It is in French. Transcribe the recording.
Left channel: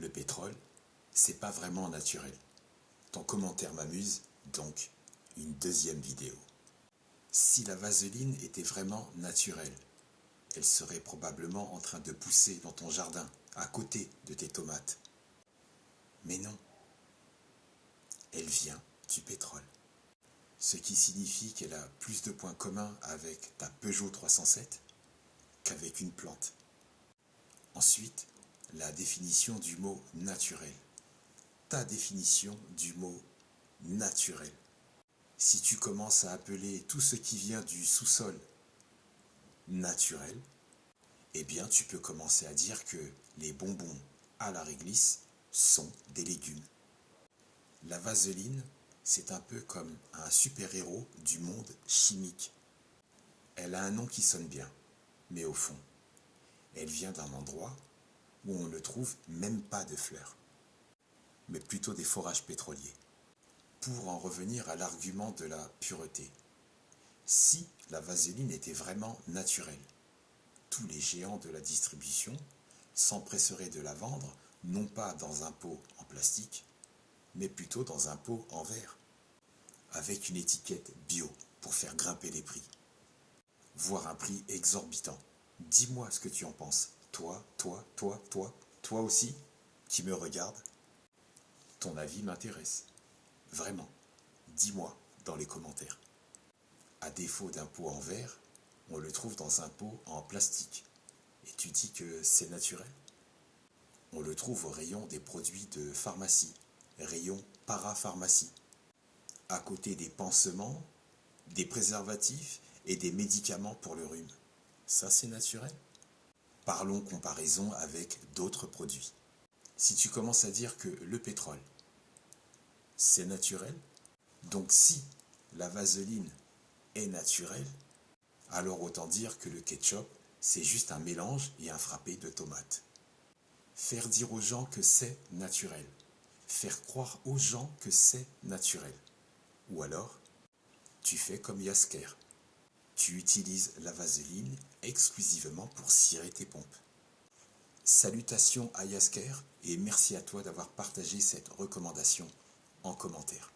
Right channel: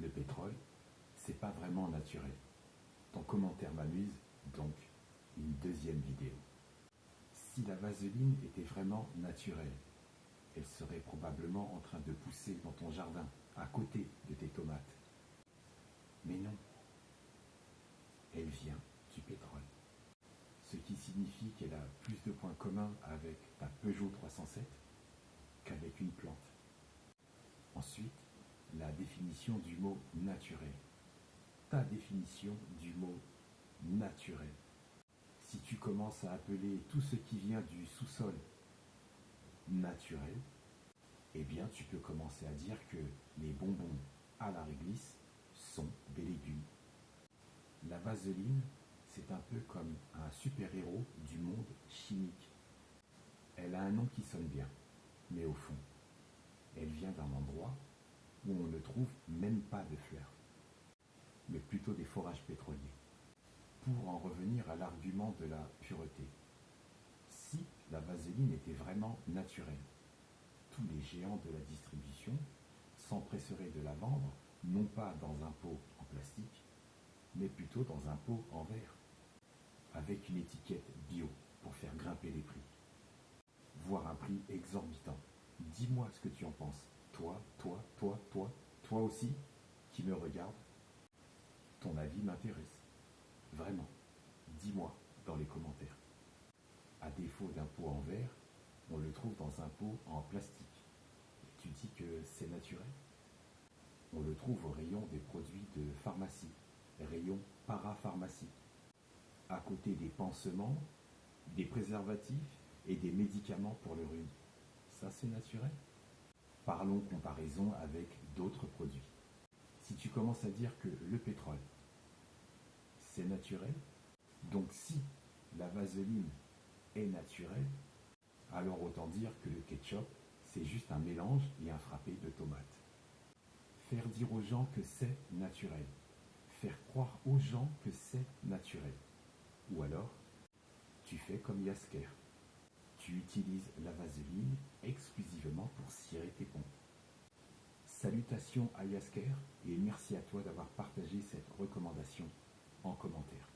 le pétrole, c'est pas vraiment naturel. Ton commentaire m'amuse, donc une deuxième vidéo. Si la vaseline était vraiment naturelle, elle serait probablement en train de pousser dans ton jardin, à côté de tes tomates. Mais non, elle vient du pétrole. Ce qui signifie qu'elle a plus de points communs avec ta Peugeot 307 qu'avec une plante. Ensuite, la définition du mot naturel. Ta définition du mot naturel. Si tu commences à appeler tout ce qui vient du sous-sol naturel, eh bien tu peux commencer à dire que les bonbons à la réglisse sont des légumes. La vaseline, c'est un peu comme un super-héros du monde chimique. Elle a un nom qui sonne bien, mais au fond, elle vient d'un endroit où on ne trouve même pas de fleurs, mais plutôt des forages pétroliers. Pour en revenir à l'argument de la pureté, si la vaseline était vraiment naturelle, tous les géants de la distribution s'empresseraient de la vendre non pas dans un pot en plastique, mais plutôt dans un pot en verre, avec une étiquette bio pour faire grimper les prix, voire un prix exorbitant. Dis-moi ce que tu en penses. Toi aussi, qui me regarde. Ton avis m'intéresse. Vraiment. Dis-moi dans les commentaires. À défaut d'un pot en verre, on le trouve dans un pot en plastique. Et tu dis que c'est naturel? On le trouve au rayon des produits de pharmacie, rayon parapharmacie, à côté des pansements, des préservatifs et des médicaments pour le rhume. Ça, c'est naturel? Parlons comparaison avec d'autres produits. Si tu commences à dire que le pétrole, c'est naturel, donc si la vaseline est naturelle, alors autant dire que le ketchup, c'est juste un mélange et un frappé de tomates. Faire dire aux gens que c'est naturel. Faire croire aux gens que c'est naturel. Ou alors, tu fais comme Yasker. Tu utilises la vaseline exclusivement pour cirer tes pompes. Salutations à Yasker et merci à toi d'avoir partagé cette recommandation en commentaire.